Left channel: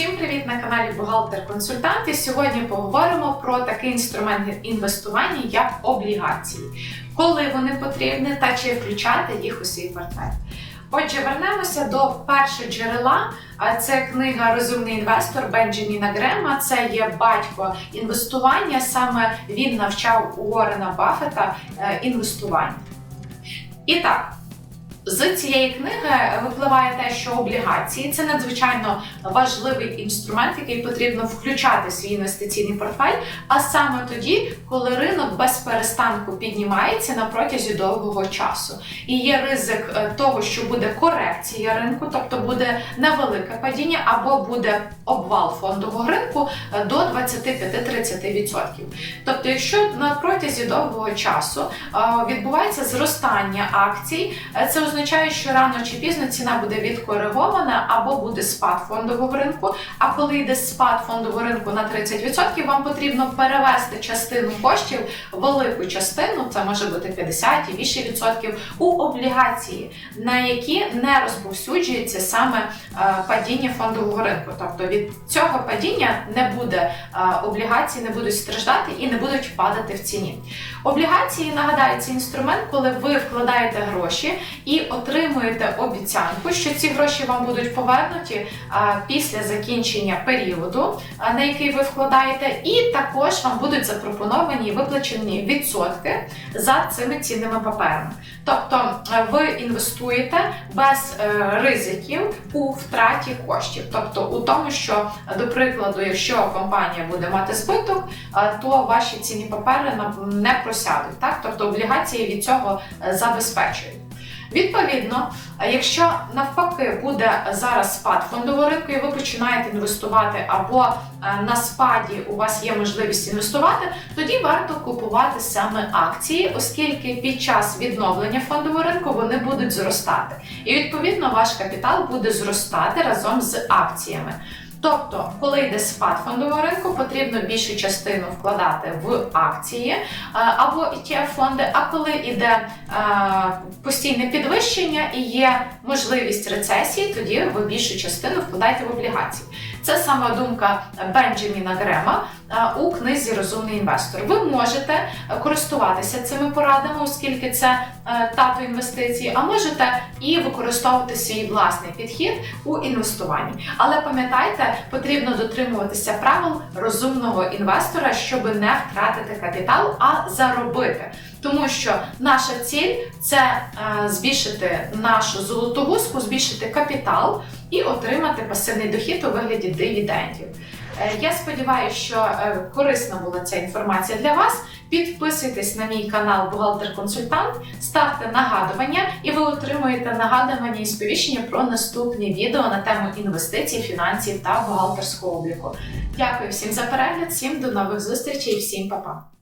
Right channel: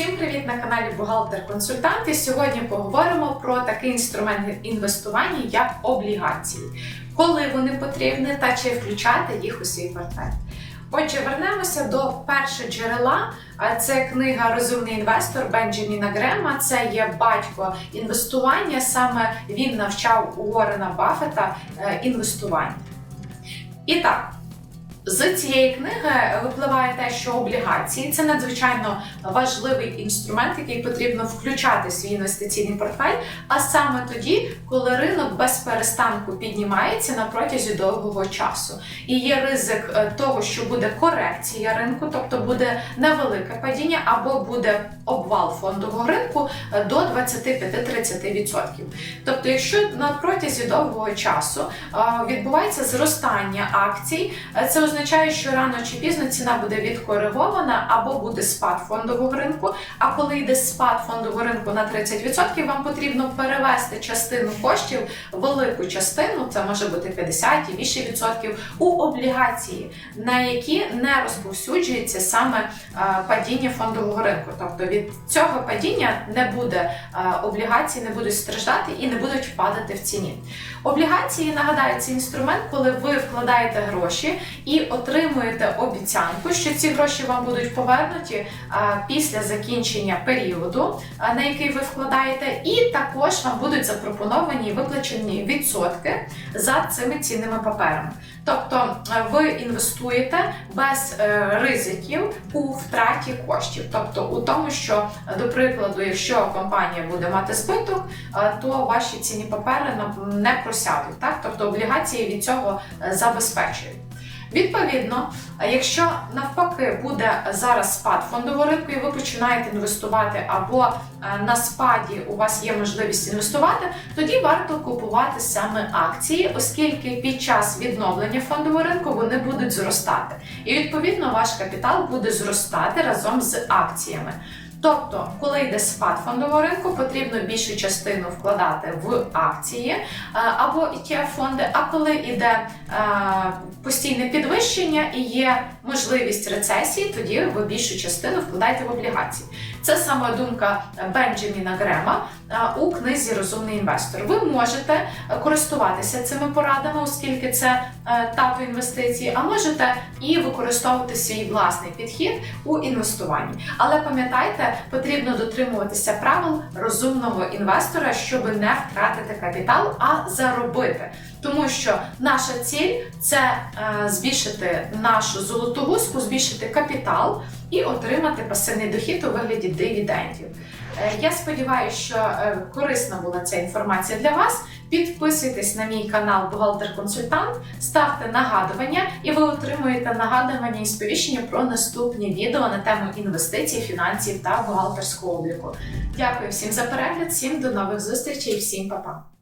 Всім привіт на каналі Бухгалтер-консультант. І сьогодні поговоримо про такий інструмент інвестування, як облігації, коли вони потрібні та чи включати їх у свій портфель. Отже, вернемося до першого джерела. Це книга Розумний інвестор Бенджаміна Грема. Це є батько інвестування. Саме він навчав Уоррена Баффета е, інвестуванню. І так. З цієї книги випливає те, що облігації це надзвичайно важливий інструмент, який потрібно включати в свій інвестиційний портфель, а саме тоді, коли ринок без перестанку піднімається на протязі довгого часу. І є ризик е, того, що буде корекція ринку, тобто буде невелике падіння, або буде обвал фондового ринку е, до 25-30%. Тобто, якщо на протязі довгого часу е, відбувається зростання акцій, це означає, що рано чи пізно ціна буде відкоригована або буде спад фондового ринку. А коли йде спад фондового ринку на 30%, вам потрібно перевести частину коштів, велику частину, це може бути 50 і більше відсотків, у облігації, на які не розповсюджується саме е, падіння фондового ринку. Тобто від цього падіння не буде е, облігації, не будуть страждати і не будуть падати в ціні. Облігації нагадаю, інструмент, коли ви вкладаєте гроші і отримуєте обіцянку, що ці гроші вам будуть повернуті після закінчення періоду, на який ви вкладаєте, і також вам будуть запропоновані і виплачені відсотки за цими цінними паперами. Тобто ви інвестуєте без е, ризиків у втраті коштів, тобто у тому, що, до прикладу, якщо компанія буде мати збиток, то ваші цінні папери не просядуть. Так? Тобто облігації від цього е, забезпечують. Відповідно, якщо навпаки буде зараз спад фондового ринку, і ви починаєте інвестувати, або е, на спаді у вас є можливість інвестувати, тоді варто купувати саме акції, оскільки під час відновлення фондового ринку вони будуть зростати. І відповідно ваш капітал буде зростати разом з акціями. Тобто, коли йде спад фондового ринку, потрібно більшу частину вкладати в акції е, або etf фонди. А коли йде е, постійне підвищення і є можливість рецесії, тоді ви більшу частину вкладаєте в облігації. Це саме думка Бенджаміна Грема е, у книзі Розумний інвестор. Ви можете користуватися цими порадами, оскільки це е, тато інвестиції, а можете і використовувати свій власний підхід у інвестуванні. Але пам'ятайте, потрібно дотримуватися правил розумного інвестора, щоб не втратити капітал, а заробити. Тому що наша ціль це е, збільшити нашу золоту гуску, збільшити капітал і отримати пасивний дохід у вигляді дивідендів. Е, Я сподіваюся, що е, корисна була ця інформація для вас. Підписуйтесь на мій канал Бухгалтер-консультант, ставте нагадування, і ви отримуєте нагадування і сповіщення про наступні відео на тему інвестицій, фінансів та бухгалтерського обліку. Дякую всім за перегляд, всім до нових зустрічей, всім па-па!